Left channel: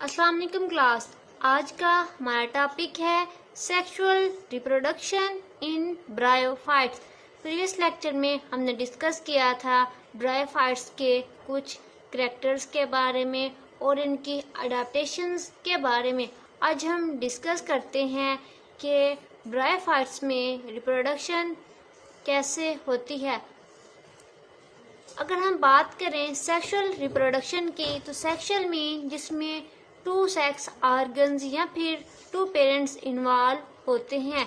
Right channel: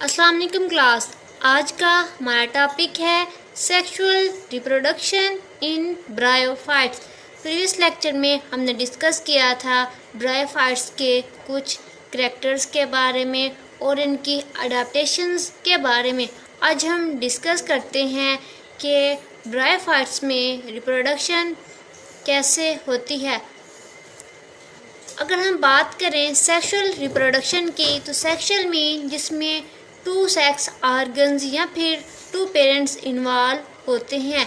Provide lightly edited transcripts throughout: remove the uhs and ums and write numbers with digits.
अस्सलाम वालेकुम क्लास। आज का हमारा टॉपिक है sexual reproduction in bryophytes. Previous lecture में हमने डिस्कस किया था ब्रायोफाइट्स के कुछ करैक्टर्स के बारे में और इनकी अडेप्टेशंस के बारे में। आज हम डिस्कस करते हैं कि ब्रायोफाइट्स में रिप्रोडक्शन कैसे होती है। अगर हम बात करें सेक्सुअल रिप्रोडक्शन की, तो सेक्सुअल में जिसमें टू सेक्स ऑर्गन्स या फिर टू पेरेंट्स इन्वॉल्व होते हैं।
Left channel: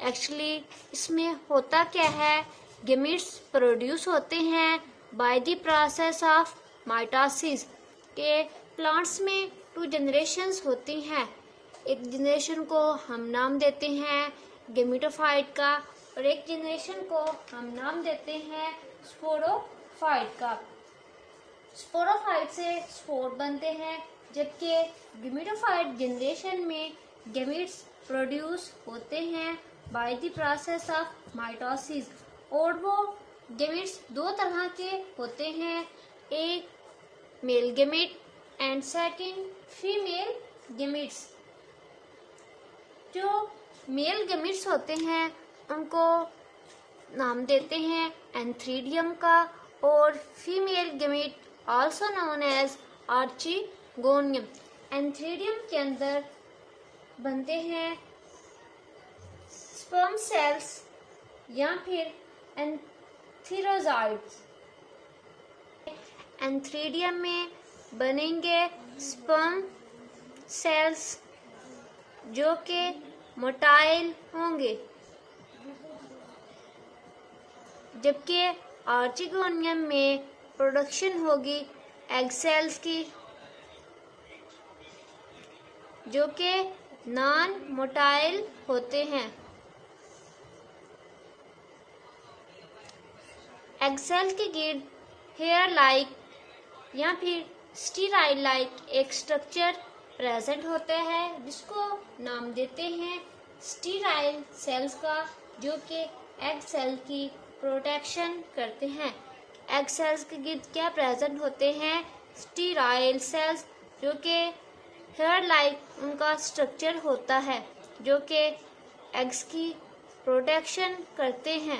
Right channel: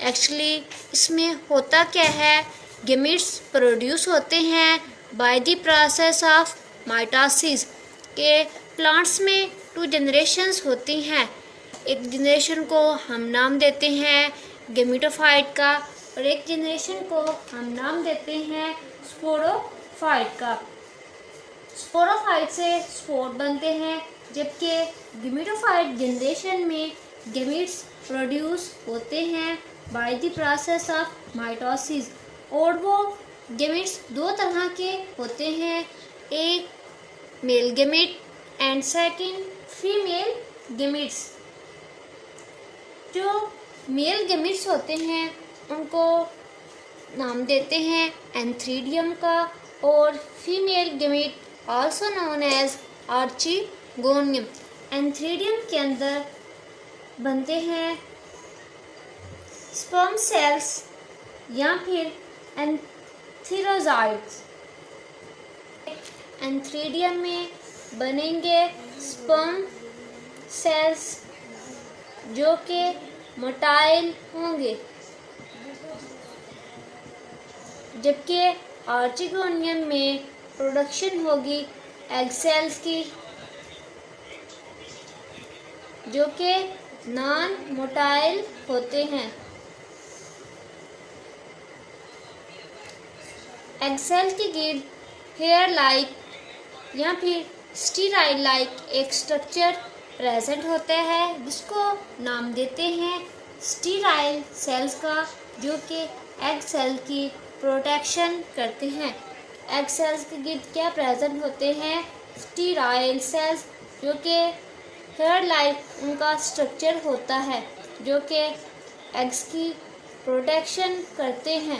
एक्चुअली इसमें होता क्या है, गेमीट्स प्रोड्यूस होते हैं by the process of mitosis. के प्लांट्स में टू जनरेशंस होती हैं। एक जनरेशन को हम नाम देते हैं गेमिटोफाइट का और एक जनरेशन को हम नाम देते हैं स्पोरोफाइट का। स्पोरोफाइट से स्पोर बनते हैं, जबकि गेमिटोफाइट जनरेशन में गेमिट्स प्रोड्यूस होते हैं by the process of mitosis. और वो गेमिट्स दो तरह के होते हैं, एक male gamete and second female gametes. जो मेल गेमिट्स होते हैं उनको नाम देते हैं एंथ्रीडियम का, और female gamete also known as archegonium. Antheridium के अंदर बनते हैं स्पर्म सेल्स या फिर एंथीरोजाइट्स। एंथ्रीडियम में बनेंगे स्पर्म सेल्स जो कि मोटाइल होंगे, जबकि आर्चिगोनियम में प्रोडक्शन होगी एग सेल्स की जो कि नॉन मोटाइल होते हैं। एग सेल के गिर्द हेयर लाइक या फिर स्टीराइल लाइक एक स्ट्रक्चर प्रेजेंट होता है जिसको नाम देते हैं स्टीराइल सेल्स का, जो कि एग सेल की प्रोटेक्शन करते हैं। एग सेल्स के गिर्द क्या प्रेजेंट होते हैं, स्टीराइल सेल्स, जो कि हेयर लाइक उनका स्ट्रक्चर होता है जो कि एग्स की प्रोटेक्शन करते हैं।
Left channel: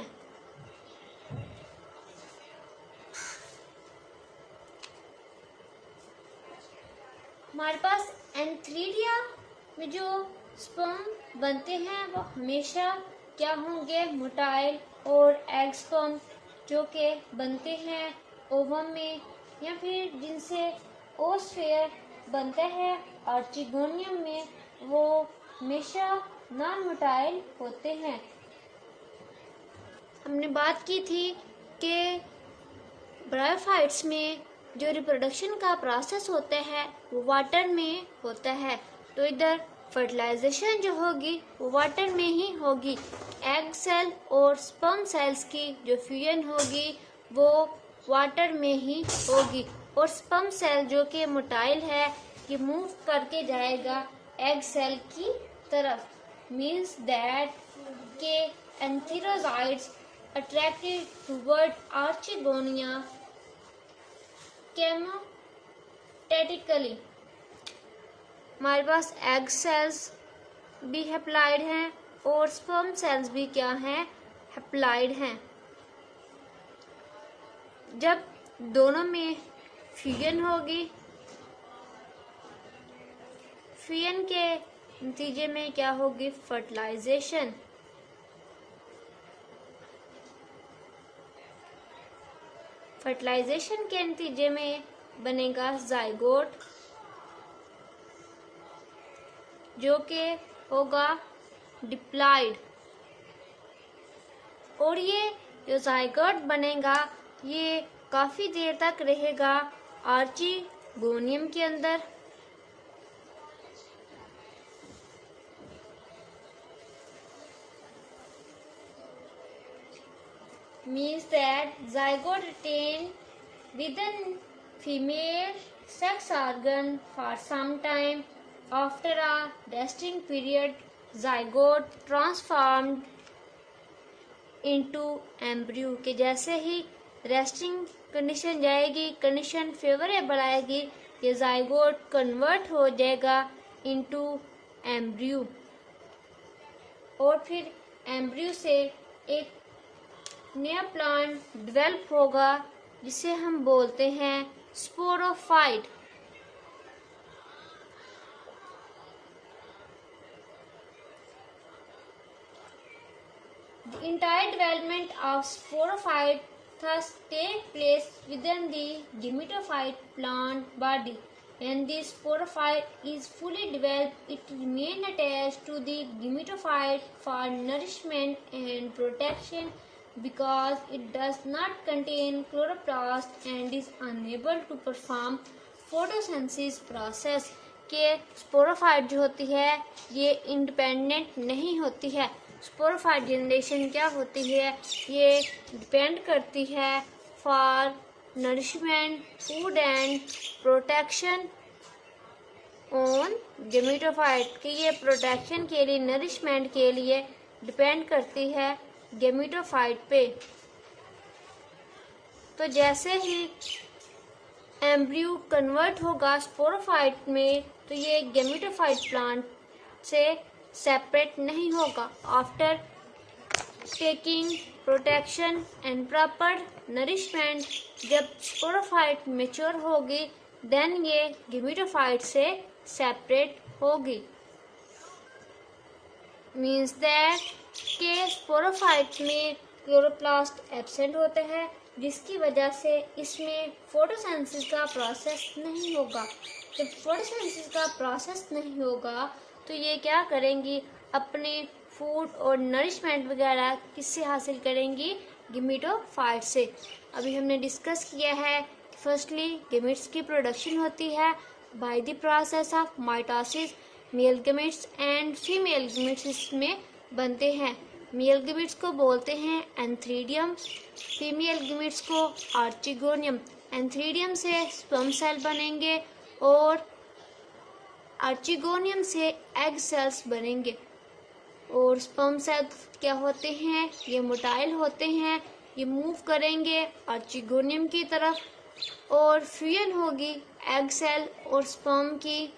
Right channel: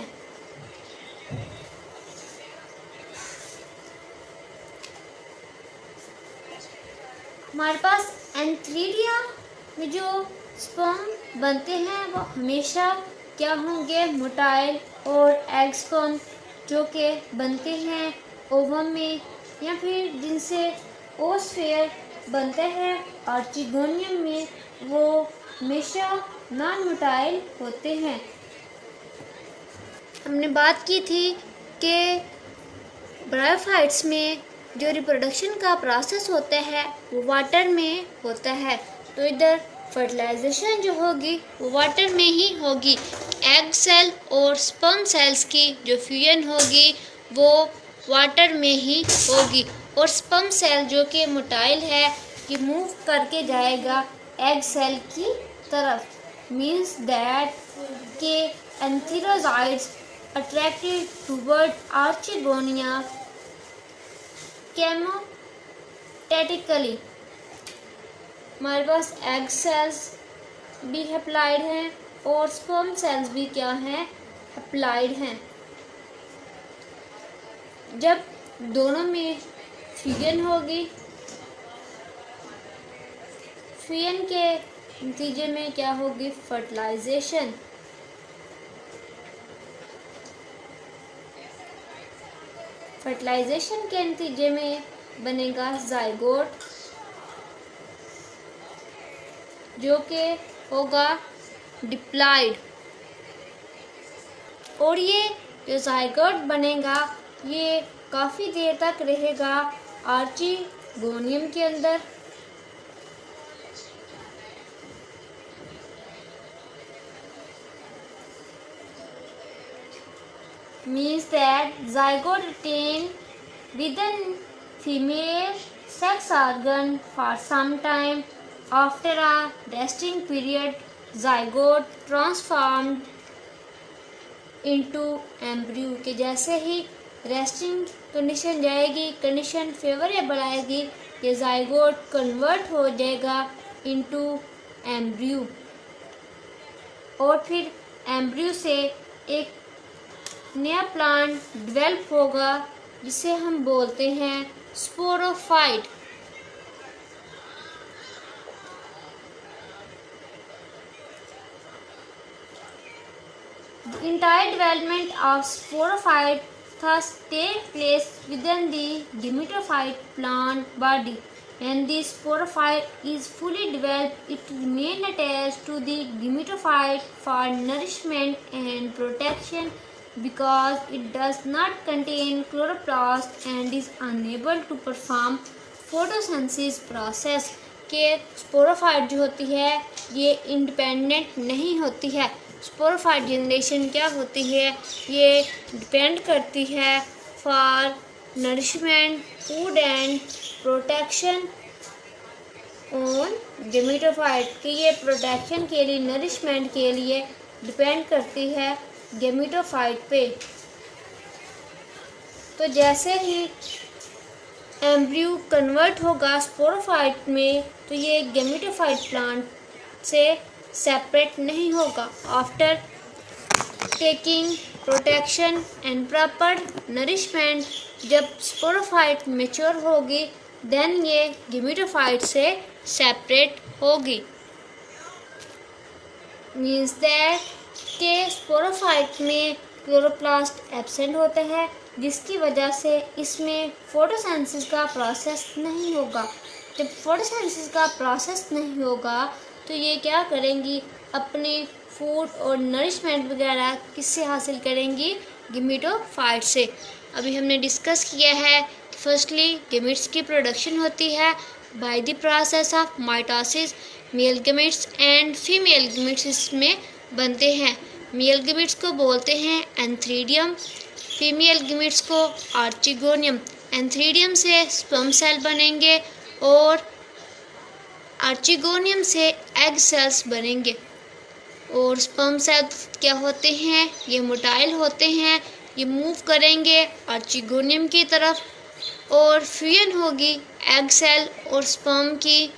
हमारे पास एंथ्रीडिया में जो स्पर्म बनते हैं वो हमेशा क्या होंगे, मोटाइल, और एग स्पर्म जो कि बनते हैं ओवम में या फिर जिनसे ओस्फेयर बनता है आर्चिगोनियम में, वो हमेशा नॉन मोटाइल होते हैं। हमने बात की थी कि ब्रायोफाइट्स में जो रिप्रोडक्शन का प्रोसेस होता है वो वाटर में होता है, तो इधर फर्टिलाइजेशन जो होगी वो वाटर में ही होगी। एग सेल और स्पर्म सेल्स की जो फ्यूजन होगी वो वाटर में ही होगी, और स्पर्म सेल जो कि मोटाइल है कि मूव करके जाएगा एग सेल की तरफ। मीन्स दैट के एंथीरोजाइट्स अट्रैक्टेड टुवर्ड आर्चिगोनिया केमोटेटिकली। हमारे पास एग सेल्स भी हैप्लाइड हैं और स्पर्म सेल्स भी क्या हैं, हैप्लाइड हैं। जब दोनों में फ्यूजन होगी, फ्यूजन के नतीजे में क्या होगी, फर्टिलाइजेशन। फर्टिलाइजेशन के नतीजे में बनेगा जाइगोट जो कि होगा डिप्लॉइड, और ये जो जाइगोट बनेगा ये काफ़ी देर तक रहेगा आर्चिगोनियम के अंदर। Means that zygote retain within female sex organ for some time. After a resting period, zygote transformed into embryo। के जैसे ही रेस्टिंग कंडीशन जाएगी, कंडीशन फेवरेबल आएगी, ये जाइगोट कन्वर्ट हो जाएगा इनटू एम्ब्रियो और फिर एम्ब्रियो से एक नया प्लांट डेवलप होगा जिसे हम बोलते हैं sporophyte. The entire development of sporophyte thus takes place within the gametophyte plant body. When the sporophyte is fully developed, it remains attached to the gametophyte for nourishment and protection because it does not contain chloroplast and is unable to perform photosynthesis process। के sporophyte जो होती है ये independent नहीं होती है। Sporophyte generation क्या होती है, ये डिपेंड करती है for nourishment food and protection on gametophyte कि ये प्रोटेक्शन के लिए नरिशमेंट के लिए डिपेंड करती है गेमेटोफाइट पे। तो जैसे ही एम्ब्रियो कन्वर्ट होगा स्पोरोफाइट में तो ये गेमेटोफाइट प्लांट से सेपरेट नहीं होगा। After taking protection and proper nourishment जब स्पोरोफाइट मैच्योर होगी देन ये गेमेटोफाइट से सेपरेट होगी। मीन्स दैट के स्पोरोफाइट में क्लोरोप्लास्ट एब्सेंट होते हैं जिसकी वजह से इसमें फोटोसिंथेसिस का प्रोसेस नहीं होगा। जब फोटोसिंथेसिस का प्रोसेस नहीं होगा तो ये क्या करेंगी, अपने फूड और नरिशमेंट वगैरह किससे हासिल करेंगी, गेमेटोफाइट से। अभी हमने डिस्कस किया है फर्स्टली गेमेट्स की प्रोडक्शन होती है by the process of mitosis. Male gametes and female gametes इसमें बनते हैं। मेल गेमेट्स को बोलते हैं एंथ्रीडियम, फीमेल गेमेट्स को आर्चिगोनियम। एंथ्रीडियम से स्पर्म सेल बनेंगे और आर्चिगोनियम से एग सेल्स बनेंगे। और स्पर्म सेल्स क्या होते हैं, ये मोटाइल होते हैं, ये मूव करेंगे आर्चिगोनियम की तरफ और फ्यूजन होगी एग सेल और स्पर्म की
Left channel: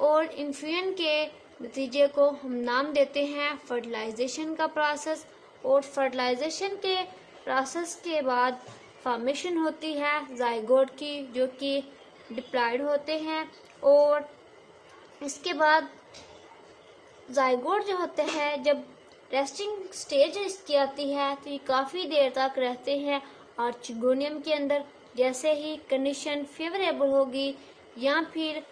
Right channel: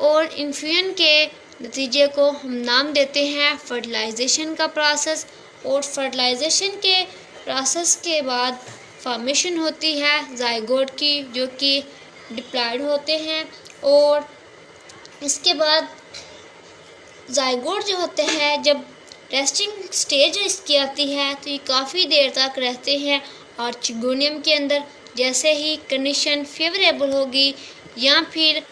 और इन फ्यूजन के नतीजे को हम नाम देते हैं फर्टिलाइजेशन का प्रोसेस। और फर्टिलाइजेशन के प्रोसेस के बाद फॉर्मेशन होती है जाइगोट की जो कि डिप्लॉयड होते हैं। और इसके बाद जाइगोट जो होते हैं जब रेस्टिंग स्टेज इसकी आती है तो ये काफ़ी देर तक रहते हैं आर्चिगोनियम के अंदर। जैसे ही कंडीशन फेवरेबल होगी या फिर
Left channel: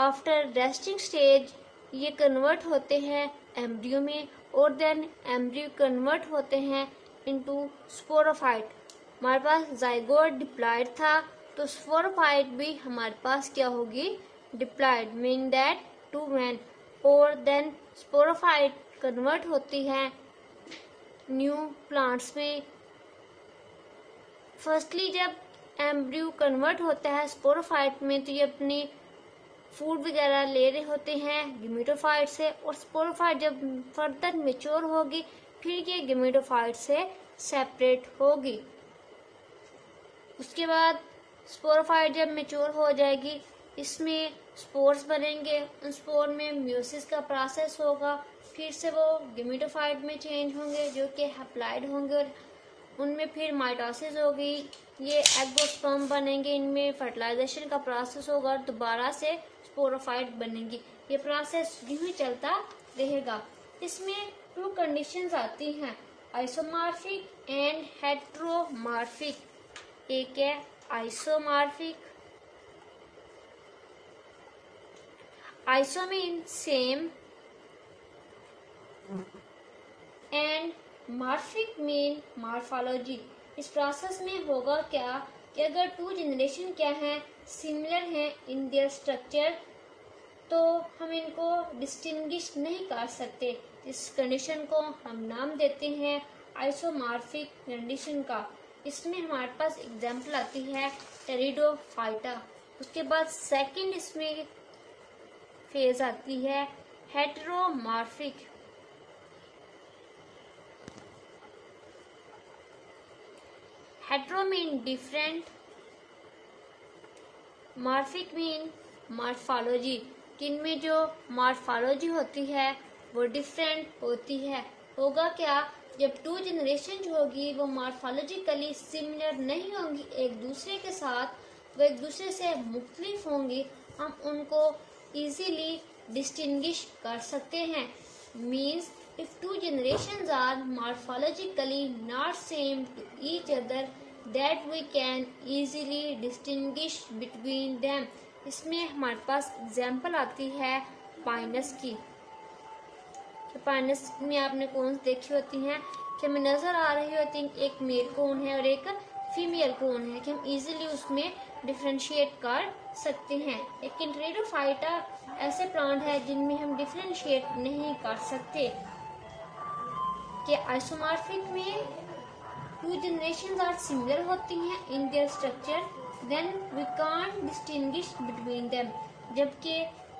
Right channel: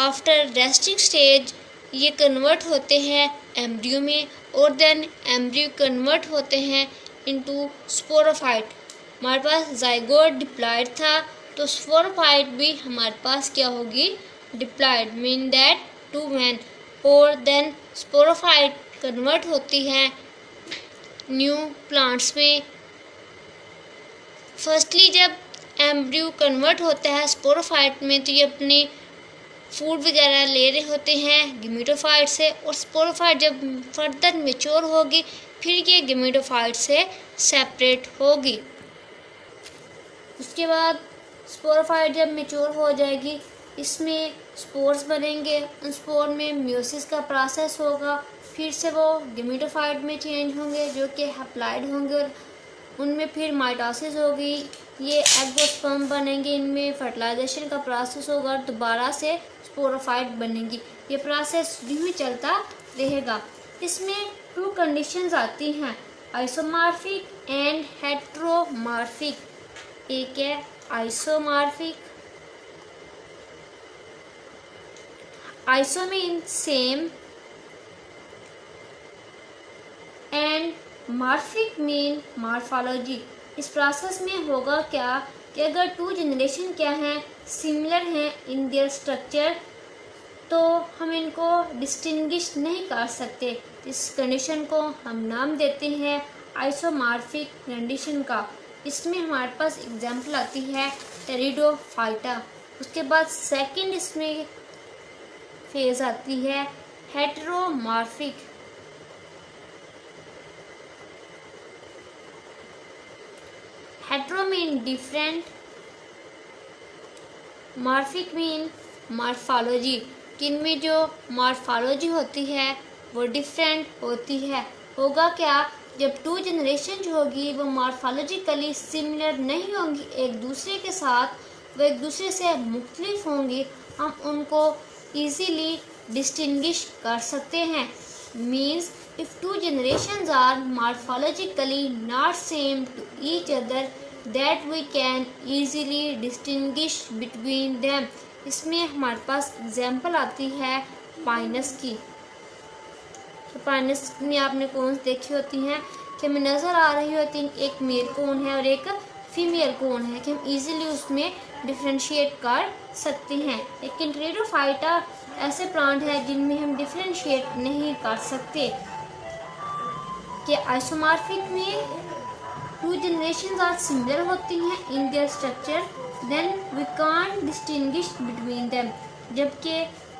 आफ्टर रेस्टिंग स्टेज ये कन्वर्ट होते हैं एम्ब्रियो में और देन एम्ब्रियो कन्वर्ट होते हैं इनटू स्पोरोफाइट। हमारे पास जाइगोट डिप्लॉयड था तो स्पोरोफाइट भी हमारे पास क्या होगी, diploid, mean that two n. और देन स्पोरोफाइट कन्वर्ट होती है न्यू प्लांट्स में। फर्स्टली जब एम्ब्रियो कन्वर्ट होता है स्पोरोफाइट में तो ये अपने फूड वगैरह ले रहे होते हैं गेमेटोफाइट से और स्पोरोफाइट जब फर्दर मैच्योर होगी फिर ये गेमेटोफाइट से सेपरेट होगी। उसके बाद स्पोरोफाइट जब मैच्योर हो जाएगी इसमें स्पोर्स बनेंगे, उन स्पोर में मियोसिस का प्रोसेस होगा, फिर से वो गेमेटोफाइट में चेंज होंगे जो कि हैप्लॉइड होंगे और उनमें फिर माइटोसिस होगी, ये एगोस्पर्म बनेंगे, इनमें फर्टिलाइजेशन का प्रोसेस होगा और दोबारा से स्पोरोफाइट बनेंगी। ये प्रोसेस यूँ ही चलता रहेगा। इसमें टू कंडीशंस आती हैं, आइसोमॉर्फिक एंड हेटेरोमॉर्फिक। एक है isomorphic, iso mean same and morphic mean morphology. इस प्रोसेस में होगा क्या कि अगर टू जनरेशन क्या हैं, सिमिलर हैं इन देयर स्ट्रक्चर तो हम इनको डिस्टिंग्विश नहीं कर सकते। इस कंडीशन को हम नाम देते हैं आइसोमॉर्फिक कंडीशन का। इसमें हमारे पास एग्जांपल आती है टेरिडोफाइटा। उसके बाद सेकंड इसमें फेज आती है heteromorphic. Hetero mean different, morphic mean morphology, कि इनमें जो मॉर्फोलॉजी होती है वो डिफरेंट होती है। होगा क्या, जब टू जनरेशन जो होगी वो मॉर्फोलॉजिकली सिमिलर नहीं होंगी एक दूसरे के साथ, वो एक दूसरे से मुख्तलिफ होंगी, हम उनको ईज़िली डिस्टिंग्विश कर सकते हैं। Means if two generations are morphologically not same to each other, that we can easily distinguish between them। इसमें हमारे पास एग्जाम्पल आती है पाइनस की। पाइनस में आपने कोन्स देखी होती हैं कि हमें नज़र आ रही होती हैं, एक मेल कोन है और एक फीमेल कोन है, कि हम इजीली उसमें डिफ्रेंशिएट कर सकते हैं। लेकिन टेरिडोफाइटा ऐसे प्लांट है जिनमें हम डिफ्रेंशिएट नहीं कर सकते। कि आइसोमॉर्फिक में टू जनरेशंस आर सिमिलर होती हैं in their structure, then we can't distinguish between them. जबकि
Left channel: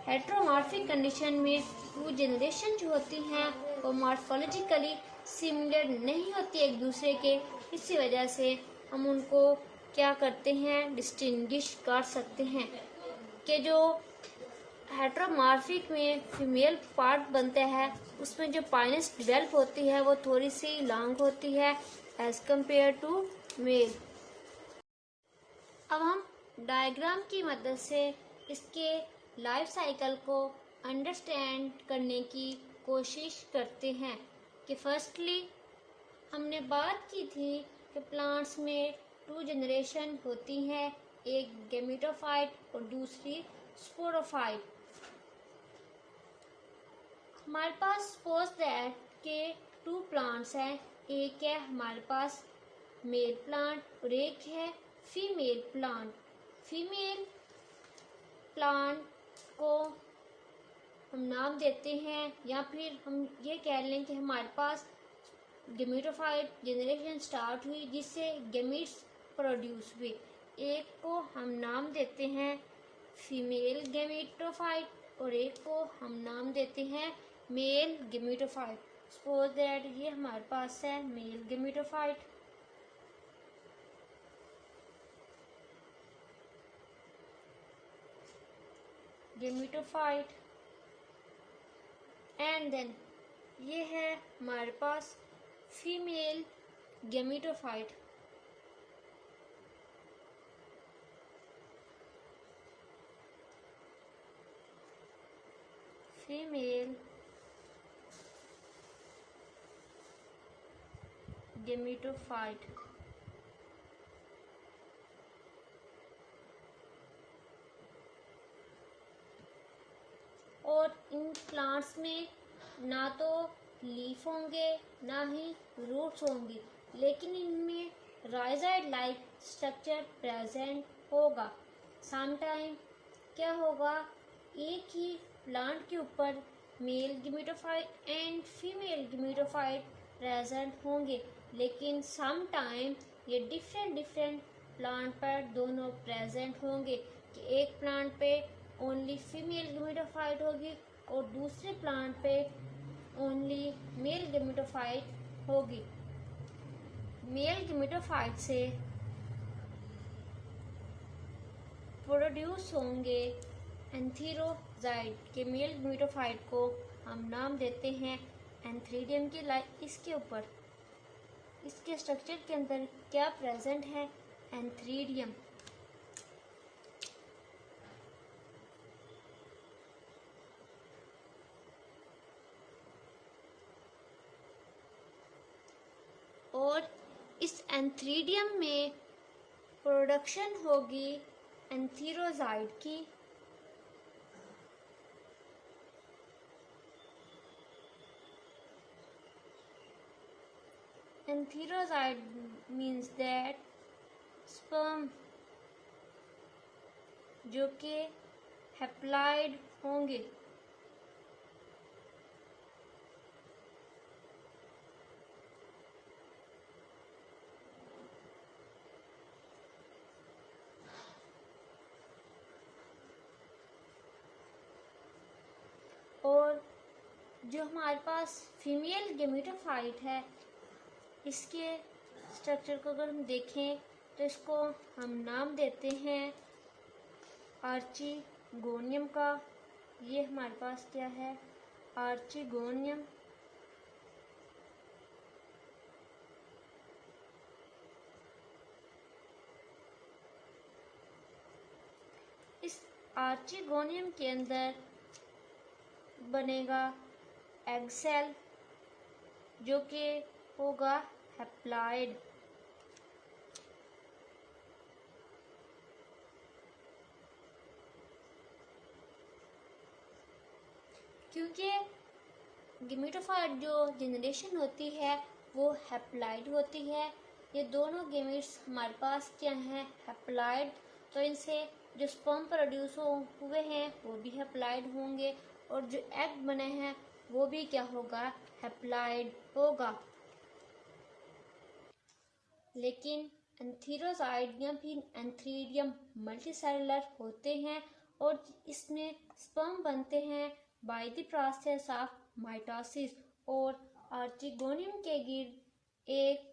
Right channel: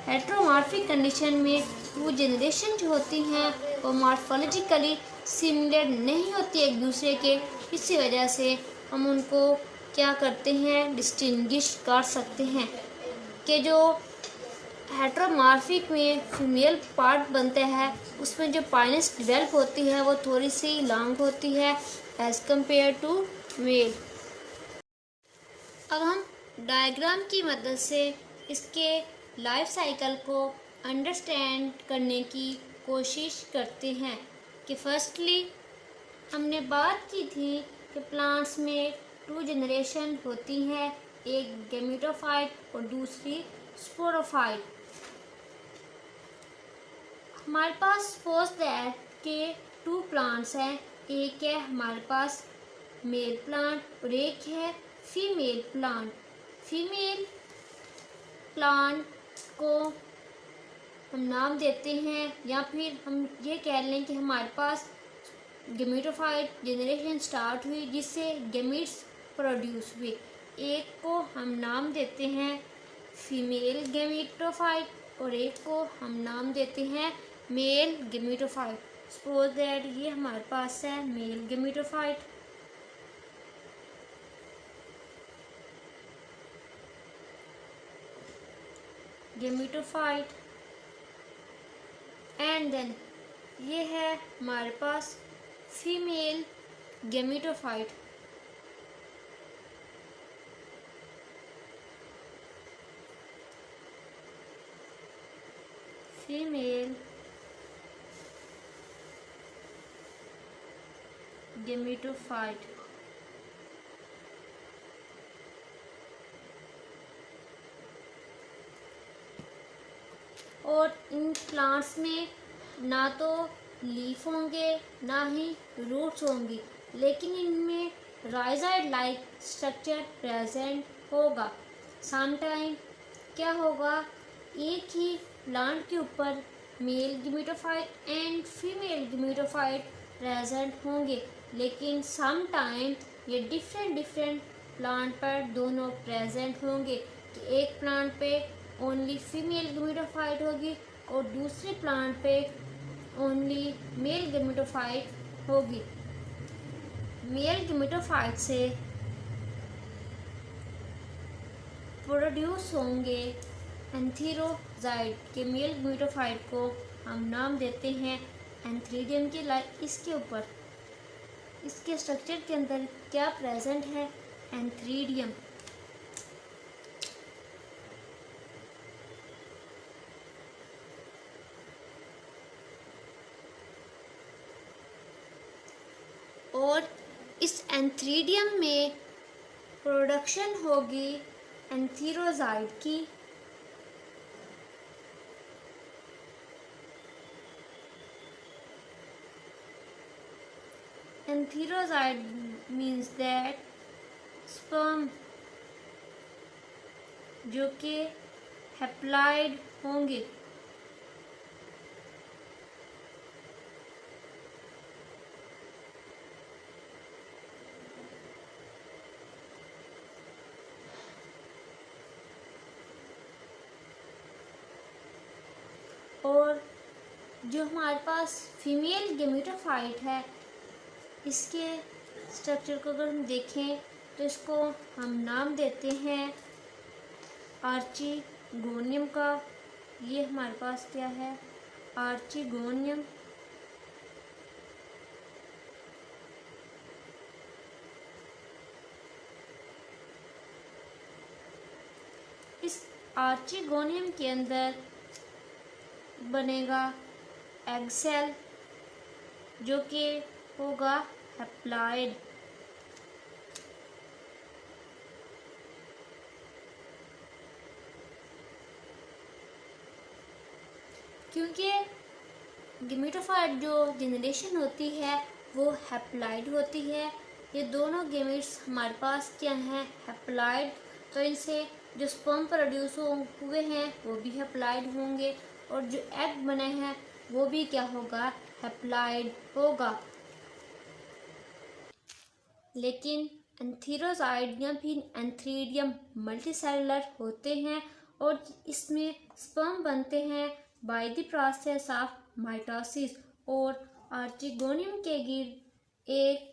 हेटेरोमॉर्फिक कंडीशन में टू जनरेशन जो होती हैं वो मॉर्फोलॉजिकली सिमिलर नहीं होती एक दूसरे के, इसी वजह से हम उनको क्या करते हैं, डिस्टिंग्विश कर सकते हैं। कि जो हेटेरोमॉर्फिक में फीमेल पार्ट बनता है उसमें जो पाइनस डेवलप होती है वो थोड़ी सी लॉन्ग होती है एज कंपेयर टू मेल। अब हम डायग्राम की मदद से इसके लाइफ साइकिल को अंडरस्टैंड करने की कोशिश करते हैं। कि फर्स्टली हमने बात की थी कि प्लांट्स में टू जनरेशन होती हैं, एक गैमेटोफाइट और दूसरी स्पोरोफाइट। हमारे पास सपोज दैट के टू प्लांट्स हैं, एक है हमारे पास मेल प्लांट और एक है फीमेल प्लांट। फीमेल प्लांट को हम नाम देते हैं, या फिर हम ये कह लें कि हमारे पास गैमेटोफाइट जनरेशन स्टार्ट हुई जिससे गैमीट्स प्रोड्यूस हुए। एक को हम नाम देते हैं फीमेल गैमेटोफाइट और एक को हम नाम देते हैं मेल गैमेटोफाइट। सपोज दैट ये हमारे पास है male gametophyte. Gametophyte and then ये है हमारे पास फीमेल गैमेटोफाइट। Female gametophyte. और इन प्लांट्स में ना तो लीफ होंगे ना ही रूट्स होंगी, लेकिन इनमें राइजाइड लाइक स्ट्रक्चर प्रेजेंट होगा। समटाइम क्या होगा, एक ही प्लांट के ऊपर male gametophyte and female gametophyte present होंगे, लेकिन सम टाइम ये डिफरेंट प्लांट पर दोनों प्रेजेंट होंगे। कि एक प्लांट पे ओनली फीमेल गैमेटोफाइट होगी और दूसरे प्लांट पे ओनली मेल गैमेटोफाइट होगी। मेल गैमेटोफाइट से प्रोड्यूस होंगे एंथीरोजाइड के मेल गैमेटोफाइट को हम नाम देते हैं एंथ्रीडियम के। लाइक इसके ऊपर इसके स्ट्रक्चर के अंदर क्या प्रेजेंट है, एंथ्रीडियम। और इस एंथ्रीडियम में प्रोडक्शन होगी एंथीरोजाइड की। एंथीरोजाइड मीन्स दैट स्पर्म जो कि हैप्लॉइड होंगे। और जो हमारे पास फीमेल गैमेटोफाइट है इसके स्ट्रक्चर को अगर हम देखें तो इसको हम नाम देते हैं आर्ची गोनियम का। ये हमारे पास क्या है, आर्चिगोनियम। इस आर्चिगोनियम के अंदर बनेगा एग सेल, जो कि होगा हैप्लॉइड। क्योंकि गेमेटोफाइट जो जनरेशन होती है वो हैप्लॉइड होती है। ये दोनों गेमेट्स हमारे पास क्या हैं, हैप्लॉइड। तो इनसे जो स्पर्म प्रोड्यूस हुए हैं वो भी हैप्लॉइड होंगे, और जो एग बने हैं वो भी क्या होगा, हैप्लॉइड होगा। लेकिन एंथीरोजाइड या फिर एंथीरियम मल्टीसेलुलर होते हैं, और इसमें स्पर्म बनते हैं by the process of mitosis. और आर्चिगोनियम के गिर्द एक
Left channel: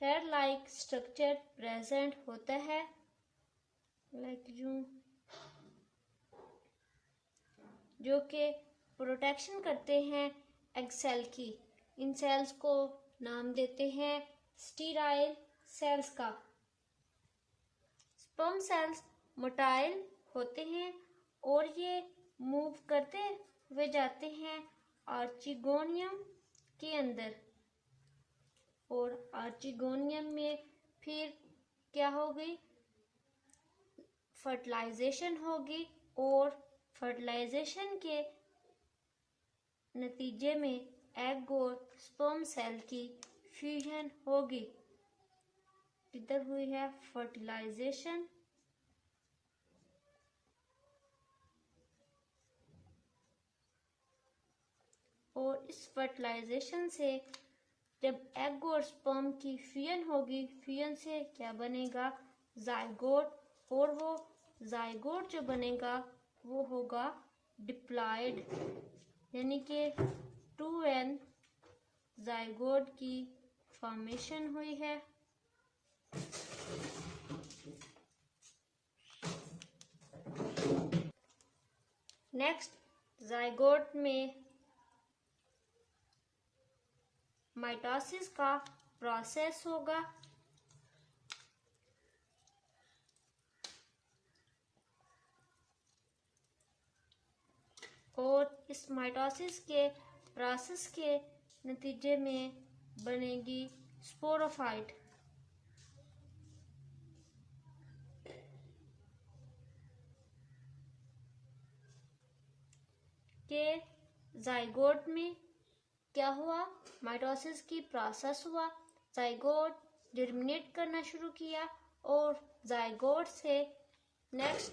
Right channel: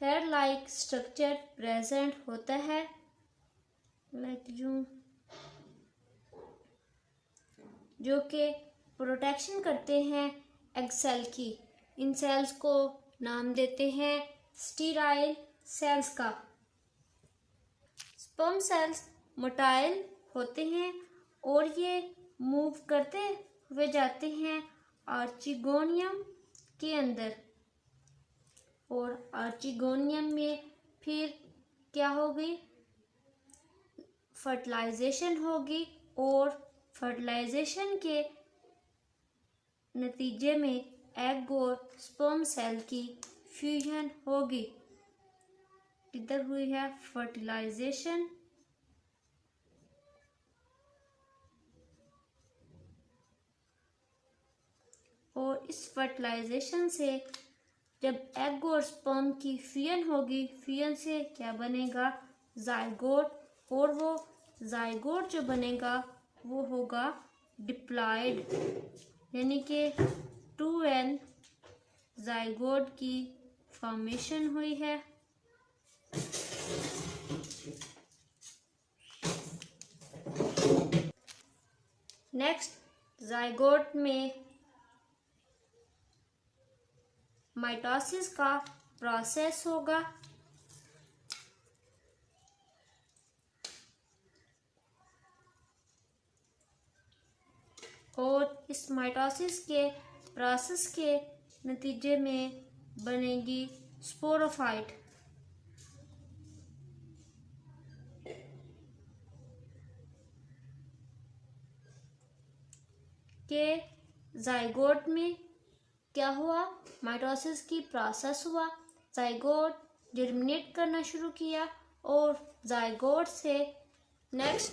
हेयर लाइक स्ट्रक्चर प्रेजेंट होता है, जो कि प्रोटेक्शन करते हैं एग सेल की। इन सेल्स को नाम देते हैं स्टीराइल सेल्स का। स्पर्म सेल्स मोटाइल होते हैं और ये मूव करते हुए जाते हैं आर्चिगोनियम के अंदर, और आर्चिगोनियम में फिर क्या होगी, फर्टिलाइजेशन होगी, और फर्टिलाइजेशन के नतीजे में एग और स्पर्म सेल की फ्यूजन होगी। इधर हुई है फर्टिलाइजेशन, और इस फर्टिलाइजेशन से जब एग और स्पर्म की फ्यूजन होगी, फ्यूजन से क्या बनेगा, जाइगोट। और वो जाइगोट जो बनेगा वो होगा डिप्लॉयड, यानी कि 2n जाइगोट की फॉर्मेशन हुई है। नेक्स्ट, जाइगोट में माइटोसिस का प्रोसेस होगा, और इस माइटोसिस के प्रोसेस के नतीजे में बनेगी स्पोरोफाइट। के जाइगोट में क्या हुआ, माइटोसिस की प्रोसेस हुआ, जाइगोट जर्मिनेट करना शुरू किया, और जाइगोट से नेक्स्ट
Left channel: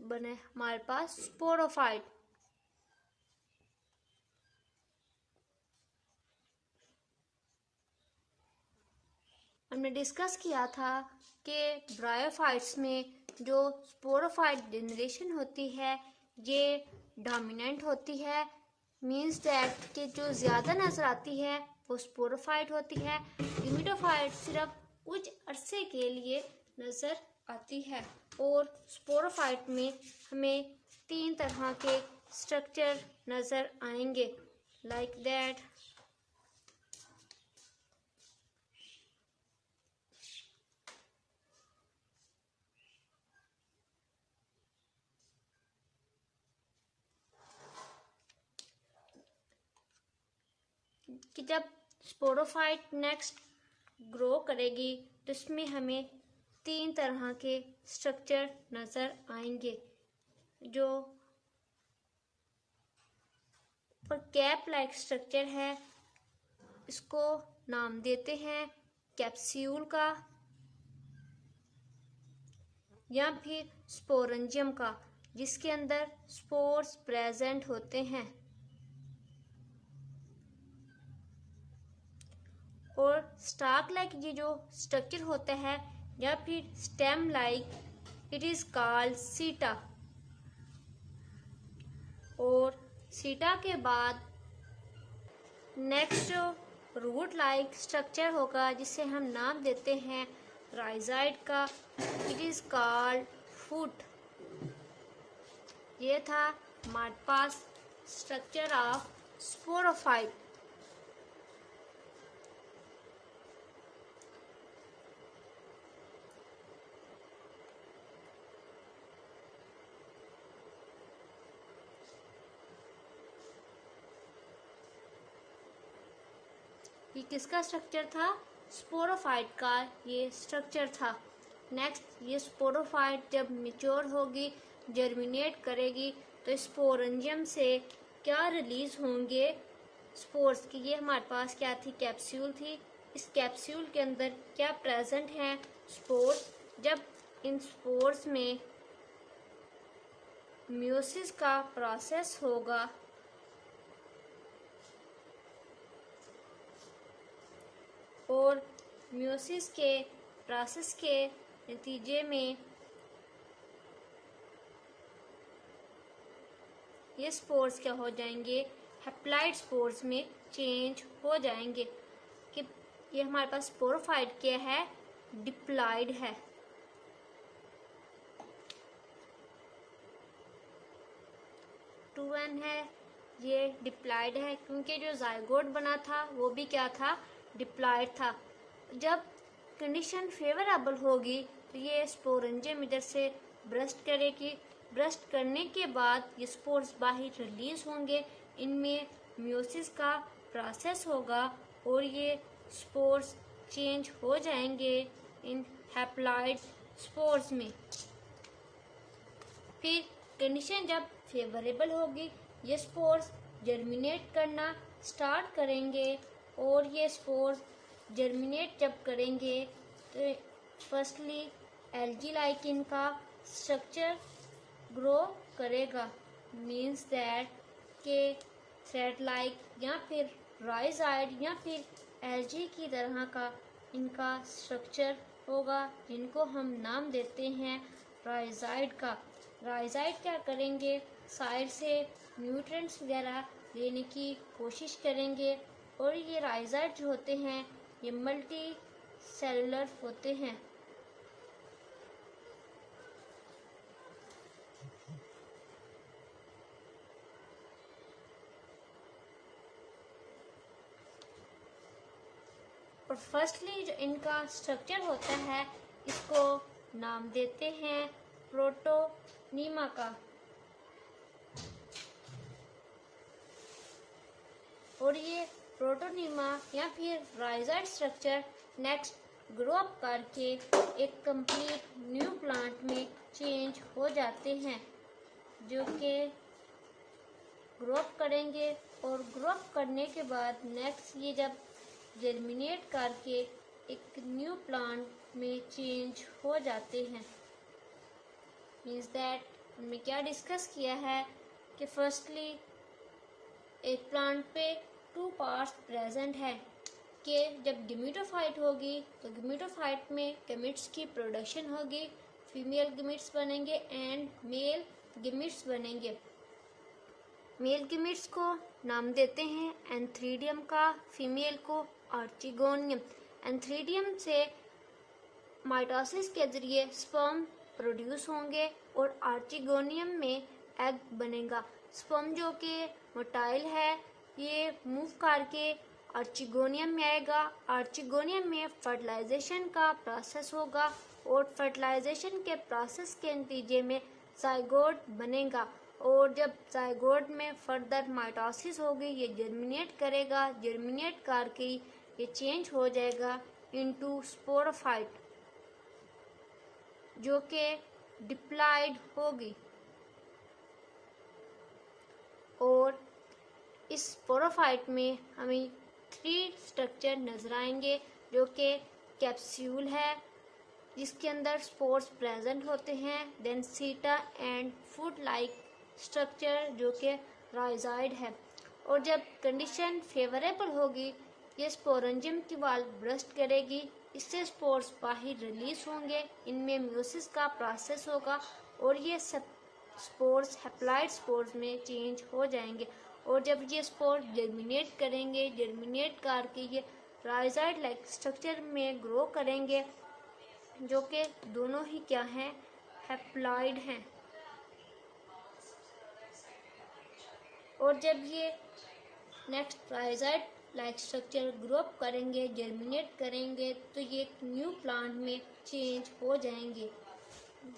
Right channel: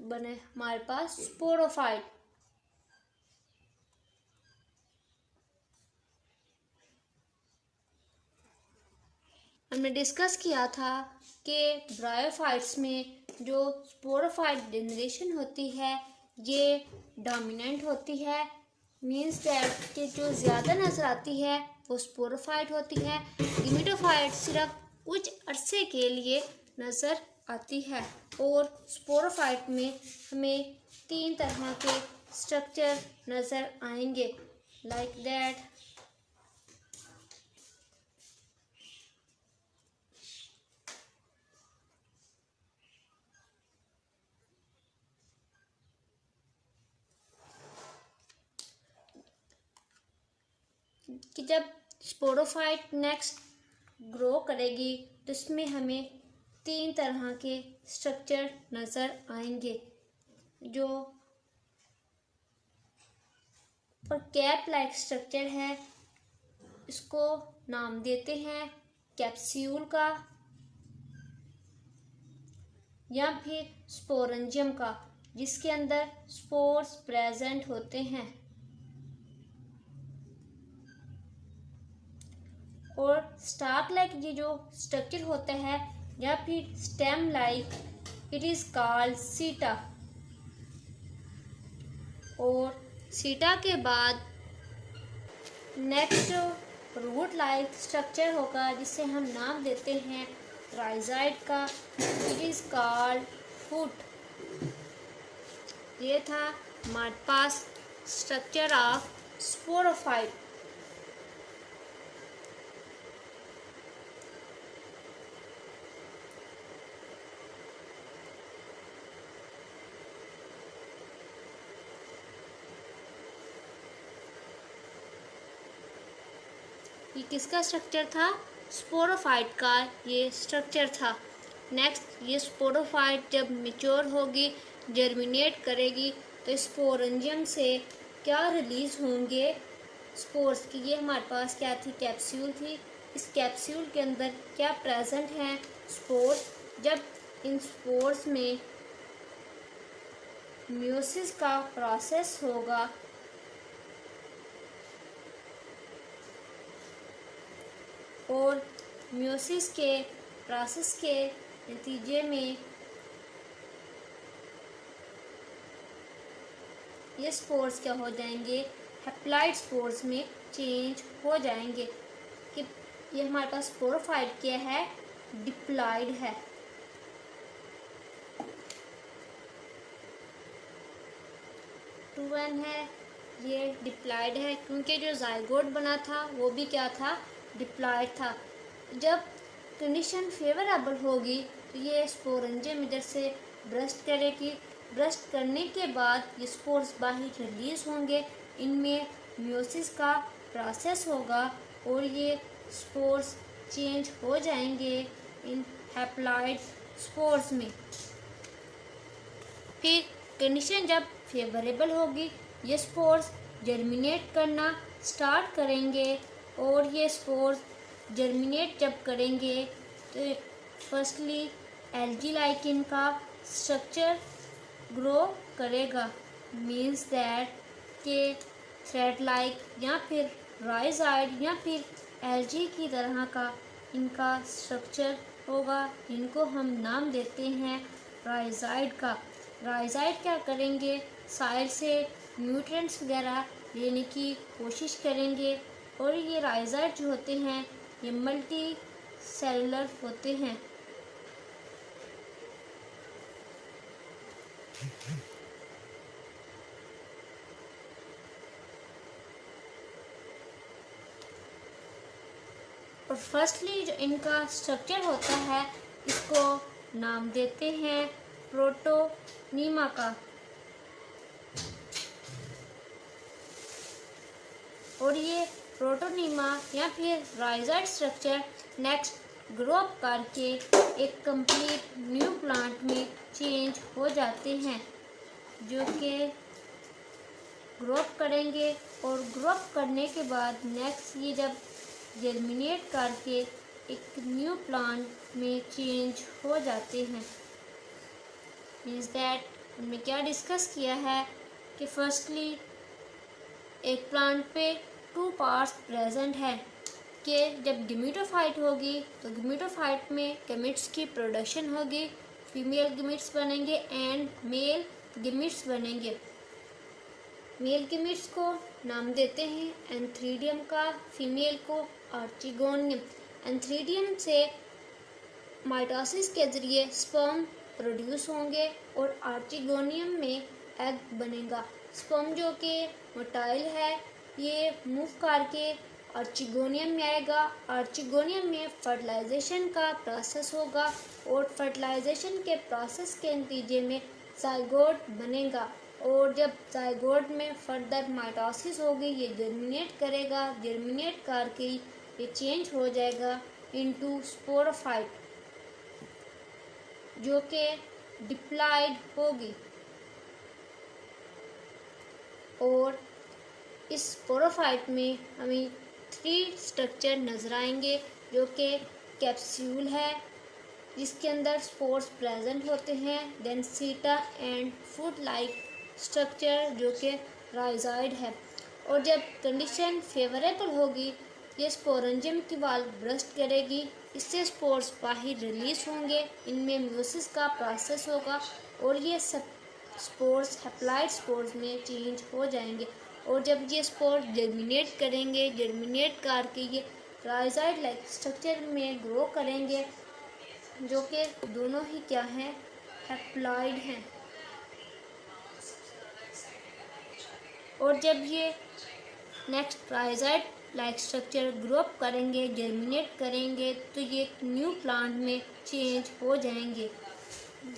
बने हमारे पास स्पोरोफाइट। हमने डिस्कस किया था कि ब्रायोफाइट्स में जो स्पोरोफाइट जनरेशन होती है ये डोमिनेंट होती है, मीन्स दैट कि जो ज़्यादा नज़र आती है वो स्पोरोफाइट होती है। गेमेटोफाइट सिर्फ कुछ अरसे के लिए नज़र आती है, और स्पोरोफाइट में हमें 3 तरह के स्ट्रक्चर नज़र आएंगे, लाइक दैट। कि जब स्पोरोफाइट नेक्स्ट ग्रो करेगी तो इसमें हमें 3 तरह के स्ट्रक्चर नज़र आएंगे, जो कैप लाइक स्ट्रक्चर है, इसको नाम देते हैं कैप्सूल का या फिर स्पोरेंजियम का, जिसके अंदर स्पोर्स प्रेजेंट होते हैं। और स्टाक लाइक ये जो स्ट्रक्चर होता है या फिर stem like, it is called सीटा। और सीटा के बाद नेक्स्ट रूट लाइक स्ट्रक्चर होगा, जिसे हम नाम देते हैं राइजाइड का, इट इज कॉल्ड फुट। ये था हमारे पास स्ट्रक्चर ऑफ स्पोरोफाइट। ये किसका स्ट्रक्चर था? स्पोरोफाइट का ये स्ट्रक्चर था। नेक्स्ट, ये स्पोरोफाइट जब मैच्योर होगी, जर्मिनेट करेगी, तो स्पोरेंजियम से क्या रिलीज होंगे? स्पोर्स की। ये हमारे पास क्या थी? कैप्सूल थी। इस कैप्सूल के अंदर क्या प्रेजेंट है? स्पोर्स। जब इन स्पोर्स में मियोसिस का प्रोसेस होगा, और मियोसिस के प्रोसेस के नतीजे में ये स्पोर्स क्या हो जाएंगे? हैप्लॉइड स्पोर्स में चेंज हो जाएंगे। कि ये हमारे पास स्पोरोफाइट क्या है? डिप्लॉइड है। 2n है, ये डिप्लॉइड है क्योंकि जो जाइगोट बना था वो भी क्या था? डिप्लॉइड था। जब कंडीशन फेवरेबल होगी तो ये स्पोरेंजियम इधर से ब्रस्ट करेगी। ब्रस्ट करने के बाद ये स्पोर्स बाहर रिलीज होंगे, इनमें मियोसिस का प्रोसेस होगा और ये स्पोर्स चेंज हो जाएंगे इन हैप्लॉइड स्पोर्स में। फिर कंडीशन जब फेवरेबल होगी, ये स्पोर्स जर्मिनेट करना स्टार्ट करेंगे, और ये स्पोर्स जर्मिनेट जब करेंगे तो फर्स्टली एल्गी लाइक इनका स्ट्रक्चर ग्रो करेगा। मीन्स दैट के थ्रेड लाइक या फिर राइजाइड या फिर एल्गी की तरह का इनका स्ट्रक्चर होगा, जिनको हम नाम देते हैं राइजाइड का। राइजाइड क्या करेंगे? साइड से न्यूट्रिएंट्स वगैरह लेने की कोशिश करेंगे, और ये राइजाइड जो होते हैं ये मल्टी सेलुलर होते हैं। और फर्स्टली जो इनका स्ट्रक्चर होता है, इसको नाम देते हैं प्रोटोनीमा का। और ये प्रोटोनीमा या फिर राइजाइड स्ट्रक्चर नेक्स्ट ग्रो अप करके एक कंप्लीट न्यू प्लांट में चेंज हो जाते हैं, जो कि ग्रो अप करेंगे। और ग्रो अप करने के बाद नेक्स्ट ये जब जर्मिनेट करके एक न्यू प्लांट में चेंज हो जाते हैं। मीन्स दैट हमने क्या डिस्कस किया है कि फर्स्टली एक प्लांट पे 2 पार्ट्स प्रेजेंट है, कि जब गेमेटोफाइट होगी तो गेमेटोफाइट में गैमेट्स की प्रोडक्शन होगी, फीमेल गैमेट्स बनेंगे एंड मेल गैमेट्स बनेंगे। मेल गैमेट्स को नाम देते हैं एंथ्रीडियम का, फीमेल को आर्चिगोनियम। एंथ्रीडियम से माइटोसिस के ज़रिए स्पर्म प्रोड्यूस होंगे और आर्चिगोनियम में एग बनेगा। स्पर्म जो कि मोटाइल है, ये मूव करके आर्चिगोनियम में आएगा। आर्चिगोनियम में फर्टिलाइजेशन का प्रोसेस होगा, और फर्टिलाइजेशन के प्रोसेस के नतीजे में जाइगोट बनेगा। और जब जाइगोट में फर्दर माइटोसिस होगी, ये जर्मिनेट करेगा। जर्मिनेट करके ये चेंज हो जाएगा इनटू स्पोरोफाइट, जो कि डिप्लॉइड होगी। और इस स्पोरोफाइट में हमें 3 स्ट्रक्चर नज़र आएंगे, जो कि कैप्सूल है जिसके अंदर स्पोर्स प्रेजेंट होते हैं, देन सीटा एंड फूड लाइक स्ट्रक्चर जो कि राइजाइड है। और जब कंडीशन फेवरेबल होगी, ये स्पोरेंजियम की वाल ब्रस्ट करेगी, इससे स्पोर्स बाहर रिलीज होंगे, इनमें मियोसिस का प्रोसेस होगा, और ये सब स्पोर्स हैप्लॉइड स्पोर्स में चेंज हो जाएंगे। और जब ये स्पोर जर्मिनेट करेंगे, जर्मिनेट करके ये राइजाइड लाइक स्ट्रक्चर में ग्रो करेंगे, जो कि दोनों ही क्या हैं? हैप्लॉइड हैं। और जब ये next parasite like structure grow up करेंगे, जर्मिनेट करेंगे, तो ये न्यू प्लांट में चेंज हो जाएंगे,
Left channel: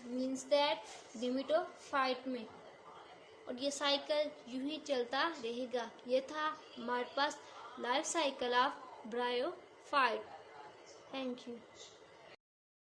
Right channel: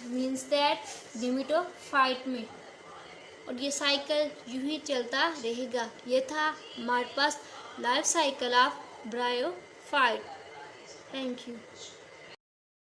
मीन्स दैट गेमेटोफाइट में। और ये साइकिल यूं ही चलता रहेगा। ये था हमारे पास life cycle of bryophyte. Thank you.